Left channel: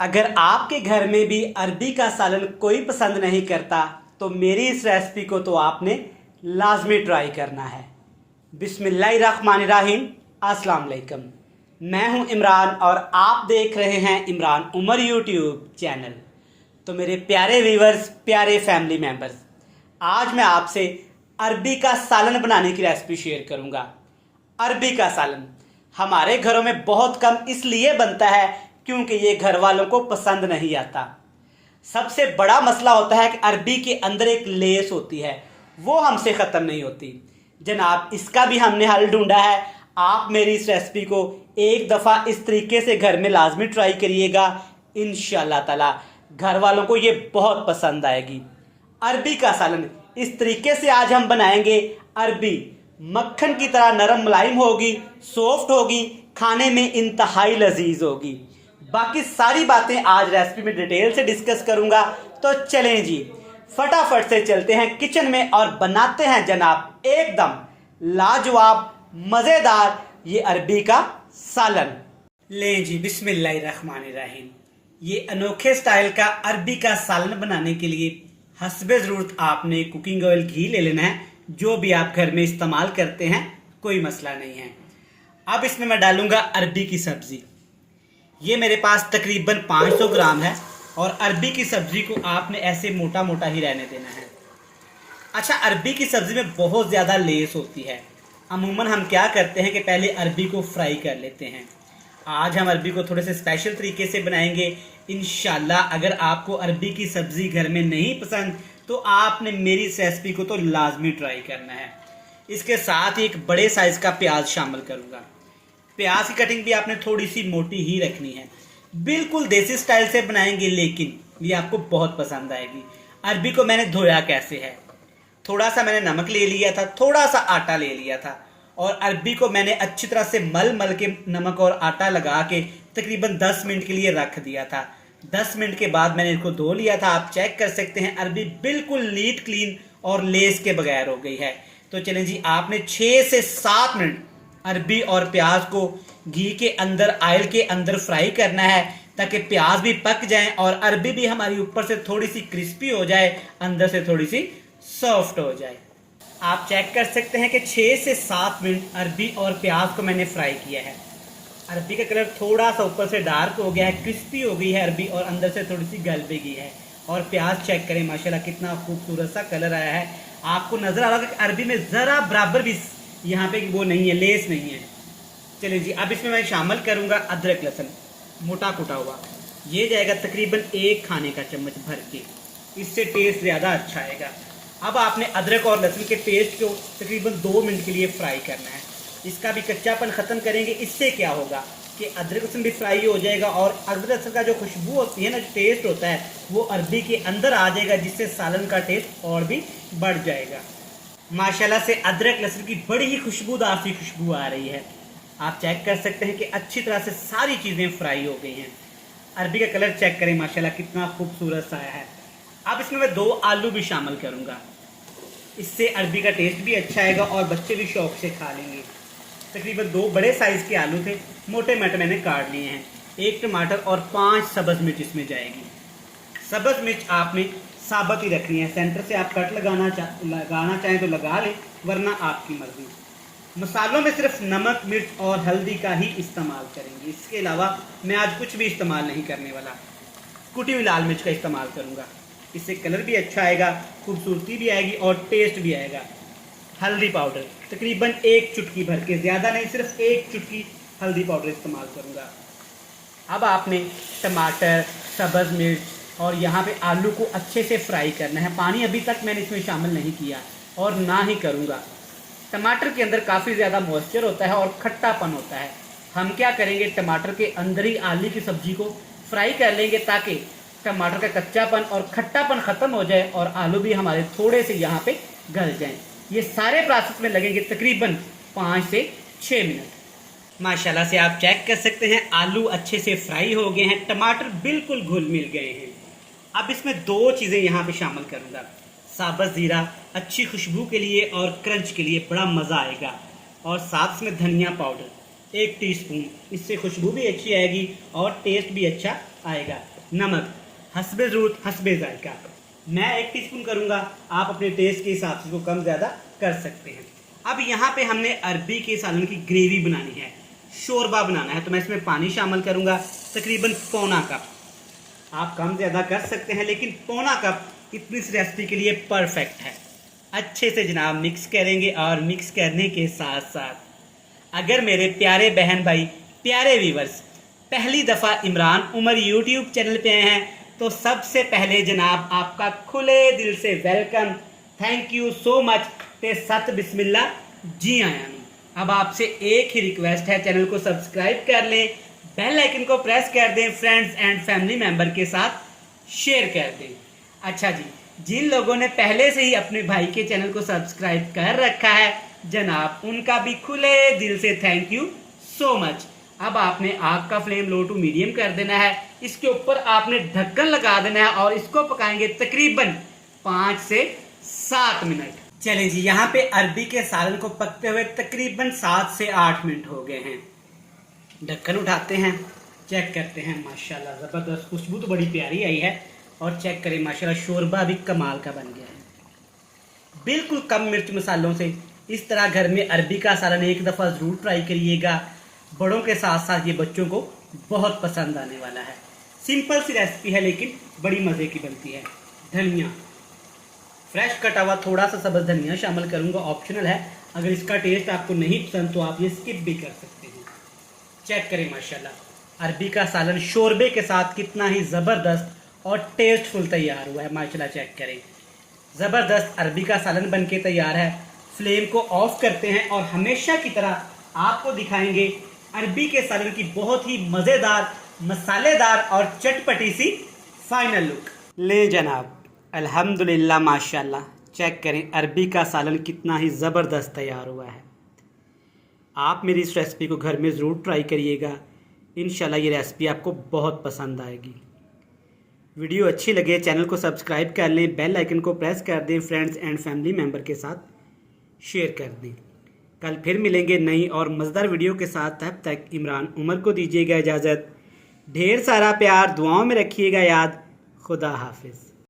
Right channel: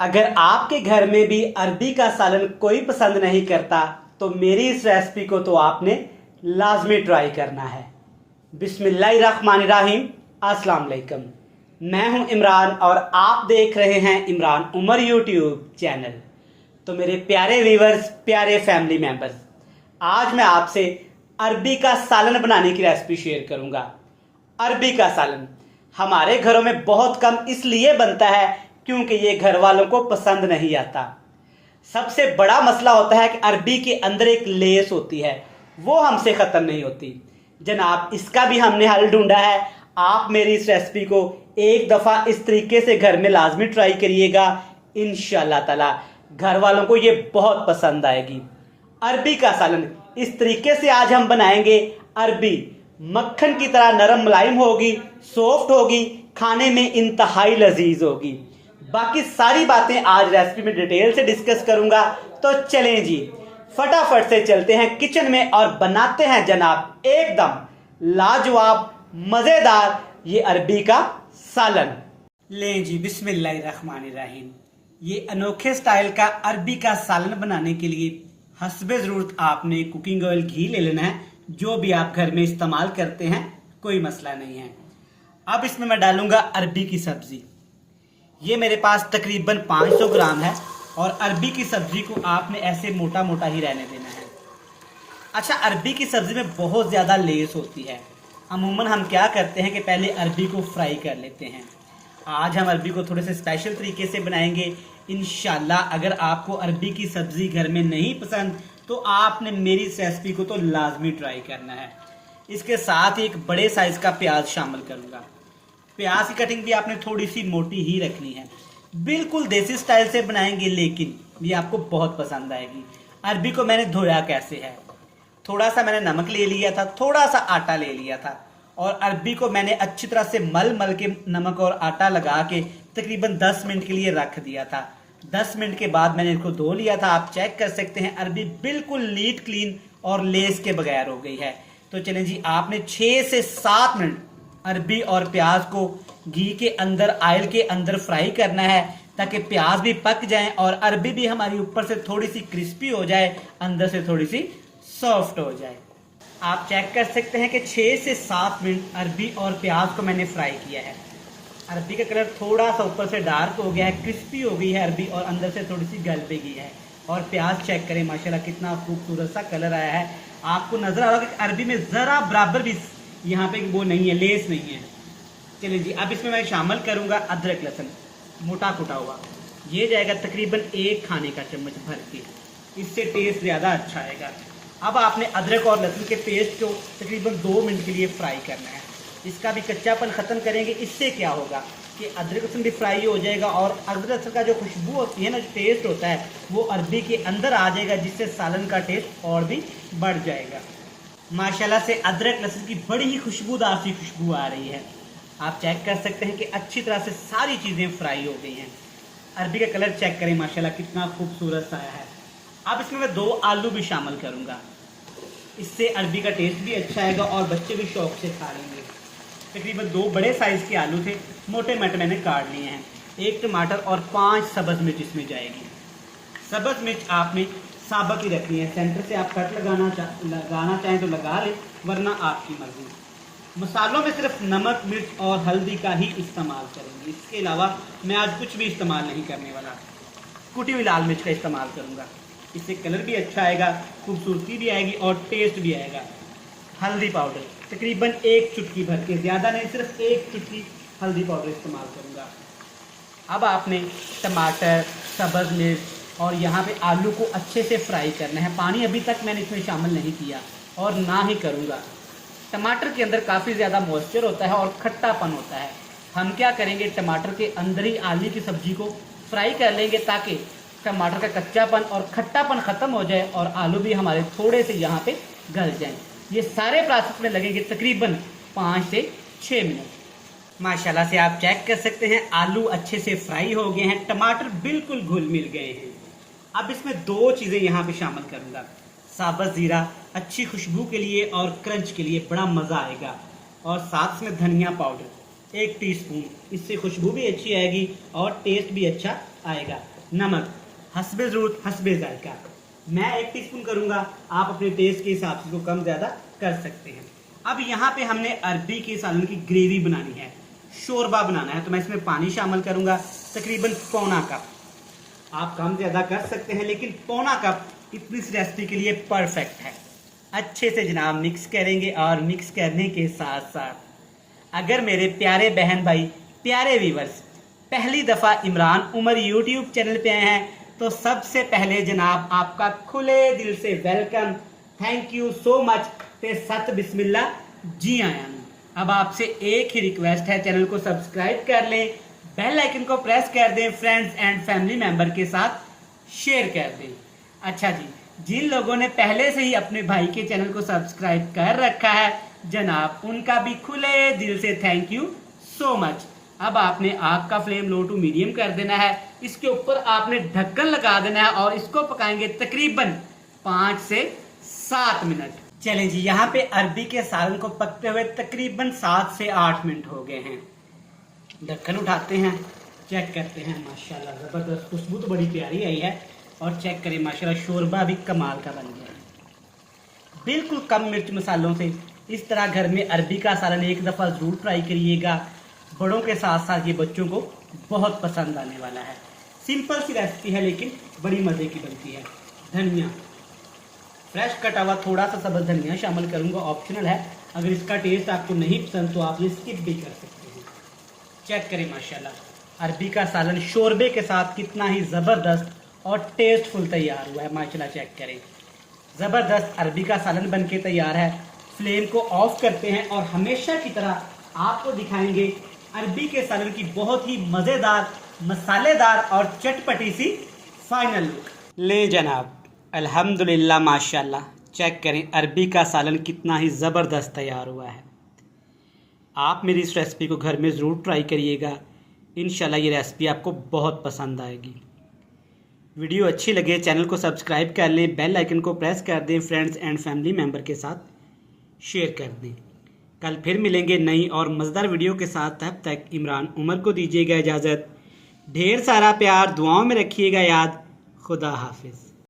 अगर आपके घर में भी अरबी का सालन कोई पसंद नहीं करता तो मेरी इस रेसिपी को तो आपने लाजमी ट्राई करना है। बिस्मिल्लाहिर्रहमानिर्रहीम। अस्सलाम वालेकुम। मैं हूं इमरान और आप देख रहे हैं इमरान उमर यूट्यूब चैनल। तो मेरे प्यारे व्यूवर्स, प्यारे फैमिली मेंबर्स, आज मैं आपसे अरबी का सालन बनाने की रेसिपी शेयर करूंगा। अरबी का सालन हमारे घरों में बहुत कम इसलिए बनता है क्योंकि ये घर वालों को पसंद नहीं आता। सबसे बड़ा मसला होता है कि अरबी के अंदर एक लेस होती है, वो हमसे ख़त्म नहीं होती। जनाब, इसका भी हमने हल ढूंढा है। आप मेरी इस रेसिपी को एक दफ़ा इस तरीके से घर में लाजमी ट्राई करिएगा, इंशाल्लाह ताला घर वालों को ये बहुत पसंद आएगी। अरबी का सालन इस तरीके से आज हम बनाएंगे। अरबी मक्खन की तरह नरम मुलायम होगी, सॉफ्ट होगी, खाने में इंतहाई लजीज होगी। बाकी सारी बातें आज रेसिपी में डिटेल से डिस्कस करूंगा। तो चलें जी, फटाफट से चलते हैं किचन में और बनाते हैं जनाब एकदम लाजवाब मजेदार ये अरबी का सालन। लें जी, बिस्मिल्लाहिर्रहमानिर्रहीम। ये अनोखे स्टाइल का अरबी का सालन बनाने के लिए हस्बे ज़रूरत आपने कुकिंग ऑयल घी ले लेना है, जो भी आप घर में इस्तेमाल करते हैं, कोई मसला नहीं है। अब इसमें मैं डालूंगा अरबी की सब्जी। ये मेरे पास तकरीबन 500 ग्राम है और अरबी की सब्जी को आपने ऐसे मोटा मोटा ही रहने देना है। अच्छा, अरबी की सब्जी में बहुत ज़्यादा लेस होती है। अमूमन हम क्या करते हैं कि पहले अरबी को फ्राई कर लेते हैं। आज हम अरबी को थोड़े से स्पेशल तरीके से बनाएंगे इंशाल्लाह। अगर आपको अरबी की सब्जी घर में नहीं पसंद तो आपने मेरी इस रेसिपी को तो लाजमी ट्राई करना है। इसके साथ ही एक बड़े साइज का प्याज शामिल करूंगा। प्याज की कटिंग भी आपने थोड़ी सी मोटी ही रखनी है। बिल्कुल देसी स्टाइल से बनाएंगे, लेकिन ये आपको बहुत पसंद आएगी। अरबी को मैंने धोया कैसे है, थोड़ा सा मैंने नमक ले लिया था, थोड़ा सा आटा ले लिया था और अरबी को मैंने अच्छी तरह से मल मल के नमक और आटा लगा के तकरीबन 10 मिनट के लिए रख दिया था। 10 मिनट के बाद मैंने इसको धो लिया था। आप चेक कर सकते हैं अरबी बिल्कुल नीट क्लीन और लेस के बगैर हो गई है। तो चलें जी, आपने 6 से 7 मिनट अरबी और प्याज को घी के अंदर, ऑयल के अंदर फ्राई करना है ताकि प्याज भी पक जाए और अरबी भी हमारी ऊपर से थोड़ी सी क्रिस्पी हो जाए, अंदर से थोड़ी सी सॉफ्ट हो जाए। आप चेक कर सकते हैं कि 6 से 7 मिनट अरबी और प्याज को मैंने फ्राई किया है। अरबी का कलर थोड़ा सा ऊपर से डार्क हो गया है, क्रिस्पी हो गई है अरबी और अंदर से थोड़ी सी गल भी गई है। और प्याज चेक करें, माशाल्लाह कितना खूबसूरत सा कलर आया है। आपको नजर आ रहा है कि अरबी में जरा बराबर भी यहाँ पे वो नहीं है, लेस नहीं है। चलिए जी, अब इसमें मैं शामिल करूंगा अदरक लहसुन मोटा कुटा हुआ। ये जाएगा तकरीबन 1 खाने का चम्मच भर के, इससे टेस्ट ज़्यादा अच्छा आएगा। अब आपने अदरक और लहसुन के पेस्ट को तकरीबन 2 मिनट के लिए फ्राई करना है। इसका भी कच्चापन ख़त्म करेंगे। इससे क्या होगा कि अदरक लहसुन भी फ्राई हो जाएगा और अदरक लहसुन का जो खुशबू होती है ना, जो टेस्ट होता है, वो अरबी के अंदर आ जाएगा, जिससे सालन का टेस्ट और भी बढ़ जाएगा। माशाल्लाह से अदरक लहसुन की बड़ी ही खुशबूदार सी खुशबू आ रही है। आप चेक कर सकते हैं कि अच्छी तरह से सारी चीज़ें फ्राई हो गई हैं। अरबी का कलर चेक करें, माशाल्लाह कितना खूबसूरत सा है। अब इसमें मैं 2 आलू भी शामिल करूंगा। इससे अरबी का टेस्ट भी अच्छा आएगा और बच्चे भी शौक से खा लेंगे। तकरीबन 2 बड़े साइज़ के आलू थे, मोटे मोटे मैंने काट लिए हैं। 1 टमाटर और 5 सब्ज़ मिर्च इसमें जाएगी। सब्ज़ मिर्च आपने साबुत ही रखनी है। सेंटर से आप कट लगाना चाहें तो लगा लें, वरना आपकी मर्जी। मसालों में सिर्फ नमक, मिर्च और हल्दी का ही इस्तेमाल करेंगे। इसके अलावा मैं आज कुछ भी इस्तेमाल नहीं करने वाला। कुटी हुई लाल मिर्च का इस्तेमाल करूँगा। इससे कलर भी अच्छा आएगा, खूबसूरती भी आएगी और टेस्ट भी आएगा। हल्दी पाउडर तकरीबन 1 चुटकी भर के, ज़्यादा नहीं, सिर्फ 1 चुटकी हल्दी पाउडर इस्तेमाल करूँगा। अब आपने टमाटर, सब्ज़ मिर्च और यहाँ पे आलू को अच्छे से फ्राई करना है। पानी अभी तक मैंने इसमें शामिल नहीं किया और ना ही करूँगा। टमाटर के अंदर काफ़ी ज़्यादा मॉइस्चर होता है और खट्टापन होता है। हम क्या करेंगे, टमाटर के अंदर ही आलू की सब्जी को फ्राई कर लेंगे ताकि टमाटर का कच्चापन और खट्टापन ख़त्म हो जाए और आलू भी हमारे थोड़े से यहाँ पे गल जाएँ। ये सारे प्रोसेस में लगेंगे तकरीबन 5 से 6 मिनट। माशाल्लाह से आप चेक कर सकते हैं आलू अच्छे से फ्राई हो गए हैं, टमाटर बिल्कुल घुल मिल गए हैं। अब इसमें 2 चीज़ें यहाँ पे शामिल करूँगा। साबुत ज़ीरा अच्छी खुशबू के लिए और क्रंच के लिए बड़ा मज़ा आएगा, और साथ में धनिया पाउडर 1 टीस्पून, इससे खुशबू भी अच्छी आएगी और टेस्ट भी अच्छा आएगा। नमक हस्बे ज़रूरत हस्बे जायका, मैं 1 टीस्पून करूँगा, आप अपने टेस्ट के हिसाब से इसको कम ज़्यादा कर सकते हैं। अब यहाँ पे हमने अरबी के सालन की ग्रेवी बनानी है, शोरबा बनाना है, तो मैं इसमें पानी शामिल करूँगा तकरीबन पौना कप। आप कम ज़्यादा कर सकते हैं, लेकिन पौना कप इतनी इस रेसिपी के लिए परफेक्ट है। अच्छे से जनाब मिक्स करेंगे, और मिक्स करने के साथ साथ अगर मेरे प्यारे बहन भाई, प्यारे व्यूवर्स पहली दफ़ा इमरान उमर यूट्यूब चैनल पे आए हैं, तो सबसे पहले जनाब आपका खुले दिल से welcome, thank you so much ते सत बिस्मिल्लाह, जी आया हूँ। अब आपसे एक ही रिक्वेस्ट है, चैनल को सब्सक्राइब कर लें, बेल आइकन को प्रेस कर दें, फ्रेंड्स एंड फैमिली मेंबर के साथ शेयर कर दें। अच्छा जी, जिन लोगों ने पहले से ही अपने भाई के चैनल को सब्सक्राइब कर रखा है जनाब, उनका भी खुले दिल से थैंक यू सो मच। अब आपने आग का फ्लेम लो टू मीडियम कर देना है, इसके ऊपर आपने ढक्कन लगा देना है और इसको पकाएंगे तकरीबन 5 से 7 मिनट। चलें जी, यहाँ पे अरबी के सालन को पकते हुए तकरीबन 7 से 8 मिनट हो गए हैं। ढक्कन उठाते हैं, चेक करते हैं, माशाल्लाह ज़बरदस्त खुशबू तो बड़ी प्यारी आई है, और चेक करें माशाल्लाह शोरबा भी कमाल का बन गया है। बिल्कुल कम मिर्च मसालों से इस तरह घर में अरबी का सालन एक दफ़ा ज़रूर ट्राई करिएगा, बड़ों के साथ साथ ये बच्चों को बहुत पसंद आने वाला है। सिंपल सी रेसिपी है, लेकिन बड़ी मज़े की बनती है। धनिया फ्रेश कटा हुआ, थोड़ा सा सब्ज़ धनिया शामिल करूँगा, ऑप्शनल है, अगर इसका टेस्ट आपको नहीं पसंद तो आप ये स्किप भी कर सकते हैं। चेक करें माशाल्लाह अरबी का सालन शोरबे के साथ कितना ही ज़बरदस्त और टेस्टफुल तैयार हुआ है, माशाल्लाह चेक करें, ज़बरदस्त अरबी का सालन बनके तैयार है। फ्लेम को ऑफ करते हैं और हमेशा की तरह आपको दिखाएंगे अरबी के सालन की बहुत ही मज़ेदार, मसालेदार और चटपटी सी फाइनल लुक। ले जनाब, अल्हम्दुलिल्लाह माशाल्लाह, चेक करें अरबी का सालन कितना ही ज़बरदस्त तैयार हुआ है। आप मेरी इस रेसिपी को घर में ज़रूर ट्राई करिएगा, इंशाल्लाह ये रेसिपी आपको बहुत पसंद आएगी। वीडियो अच्छी लगे चैनल को सब्सक्राइब कर लें, बेल आइकन को प्रेस कर दें, फ्रेंड्स एंड फैमिली मेम्बर के साथ शेयर कर दें। कल फिर मिलेंगे नई और मज़ेदार वीडियो के साथ, तब तक इमरान उमर को दीजिएगा इजाज़त। ढेर सारा प्यार दुआओं में रखिएगा याद। खुदा हाफिज़।